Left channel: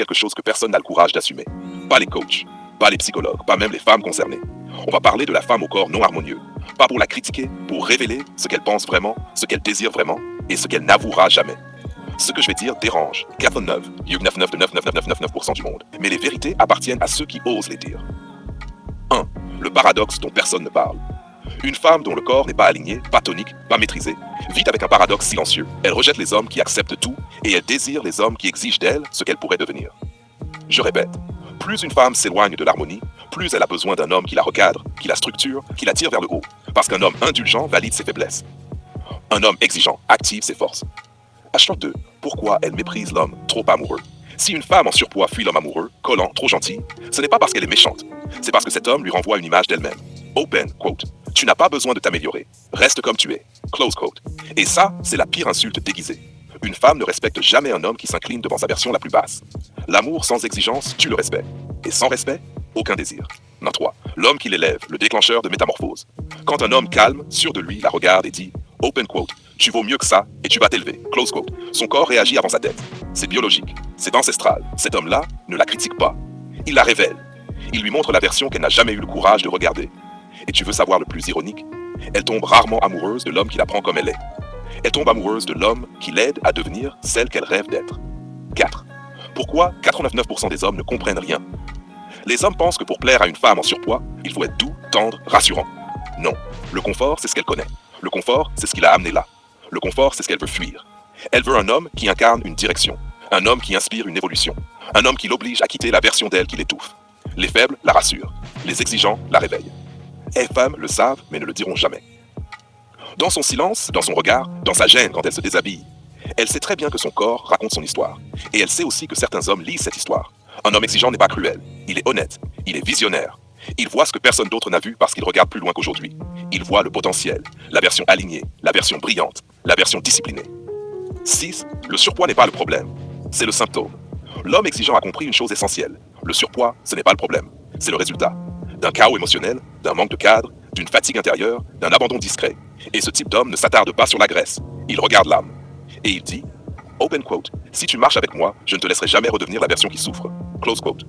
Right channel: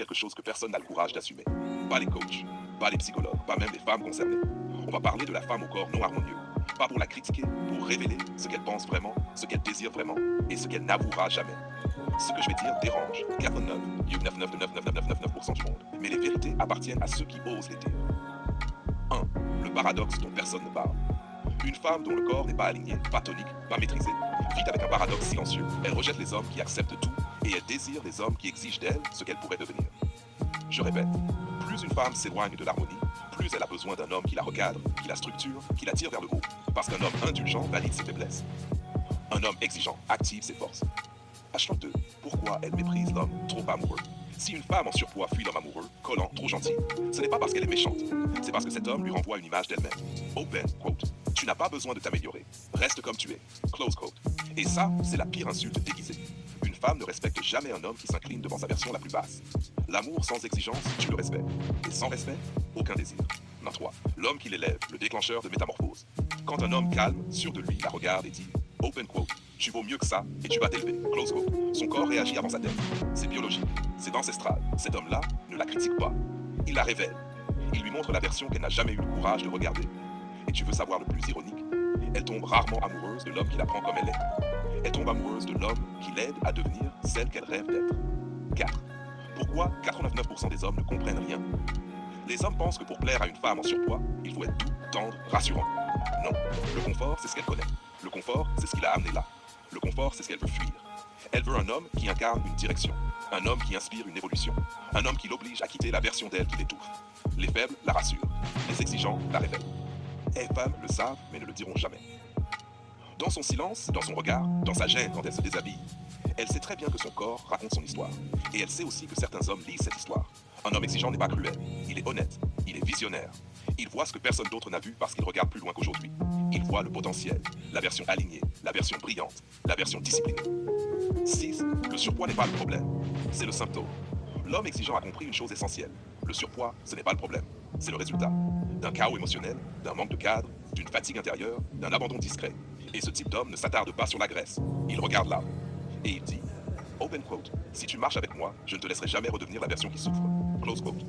quelque chose que personne n'a le courage d'assumer. Pas les coachs, pas les psychologues, pas même les femmes concernées. On va parler de la femme au corps non harmonieux. Pas pour la critiquer, pour révéler ce qu'elle pense vraiment, ce qu'elle désire vraiment et ce qu'elle n'avouera jamais. Ce que je vais dire dérange 99,9999999% du monde. Mais les vérités appartiennent à ceux qui osent les dire. 1. Le paradoxe dont personne ne parle. Une femme dont le corps n'est pas aligné, pas tonique, pas maîtrisé, vit avec un paradoxe silencieux. Elle rejette les hommes qui acceptent tout et elle désire les hommes qui exigent d'elle ce qu'elle pourrait devenir. Je répète, plus une femme s'éloigne de l'harmonie, plus elle a besoin d'un homme qui la recadre, qui la structure, qui la tire vers le haut. Parce qu'un homme indulgent valide ses faiblesses. Un homme exigeant active ses forces. H 2. Pourquoi elle méprise l'homme trop amoureux? Si une femme en surpoids fuit l'homme amoureux, collant, trop gentil, ce n'est pas parce qu'elle est méchante. C'est parce que cet homme lui renvoie une image d'elle-même. Open quote. Tu n'as pas besoin de t'améliorer. Reste comme tu es. Close quote. Et ça, c'est la pire insulte déguisée. Une femme ne respecte jamais un homme qui s'incline devant sa version la plus basse. L'amour sans exigence tue le respect. Et sans respect, aucun désir. 3. L'homme qui l'élève, le déclencheur de métamorphose. Quand un homme calme, sûr de lui, la regarde et dit « Open quote, tu vaux mieux que ça et tu vas t'élever. » Close quote. Son corps réagit avant sa tête. C'est biologique, c'est ancestral. Cet homme-là ne la critique pas. Il la révèle. Il lui montre la version qu'elle n'a jamais eu le courage de regarder. Et tu veux savoir le plus ironique? Elle tombe rarement amoureuse de l'homme qui la prend comme elle est. Elle tombe amoureuse de l'homme qui l'aide à devenir celle qu'elle rêve d'être. 4. Pourquoi 99% des hommes ne comprennent rien? Les hommes pensent que pour plaire à une femme en surpoids, il faut être doux, tendre, rassurant. Non, le confort, c'est ce qu'elle connaît. Le confort, c'est ce qui l'a amenée là. Le confort, c'est ce qu'elle veut fuir. Elle veut un homme qui incarne une direction, un homme qui inspire une évolution, un homme qui l'oblige à quitter la version d'elle qui l'étouffe. Les faibles la rassurent, les exigeants la réveillent. Les femmes le savent, mais ne le diront jamais. Dans son silence, dans son regard, dans sa gêne quand elle se déshabille, elle sait très bien que son corps raconte son histoire. Et elle sait aussi que certains hommes lisent cette histoire. Un homme exigeant n'est pas cruel, il est honnête, il est visionnaire. Il voit ce que personne d'autre n'a vu parce qu'il regarde plus loin qu'aujourd'hui. Il voit le potentiel, la version alignée, la version brillante, la version disciplinée. 6. Le surpoids n'est pas le problème, c'est le symptôme. L'homme exigeant a compris une chose essentielle. Le surpoids, ce n'est pas le problème, c'est le résultat. D'un chaos émotionnel, d'un manque de cadre, d'une fatigue intérieure, d'un abandon discret. Et ce type d'homme ne s'attarde pas sur la graisse, il regarde l'âme. Et il dit, open quote, si tu marches avec moi, je ne te laisserai jamais redevenir la version qui souffre. Close quote.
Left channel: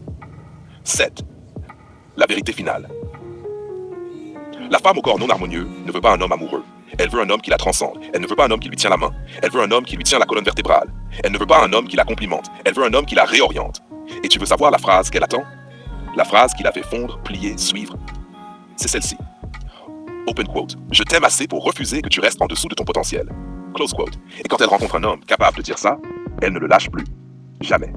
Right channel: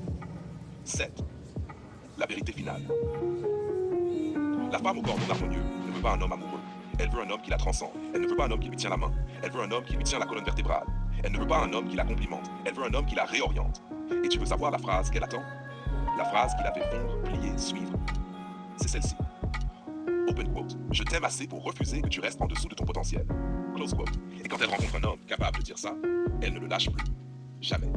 7. La vérité finale. La femme au corps non harmonieux ne veut pas un homme amoureux. Elle veut un homme qui la transcende. Elle ne veut pas un homme qui lui tient la main. Elle veut un homme qui lui tient la colonne vertébrale. Elle ne veut pas un homme qui la complimente. Elle veut un homme qui la réoriente. Et tu veux savoir la phrase qu'elle attend? La phrase qui la fait fondre, plier, suivre? C'est celle-ci. Open quote. Je t'aime assez pour refuser que tu restes en dessous de ton potentiel. Close quote. Et quand elle rencontre un homme capable de dire ça, elle ne le lâche plus. Jamais.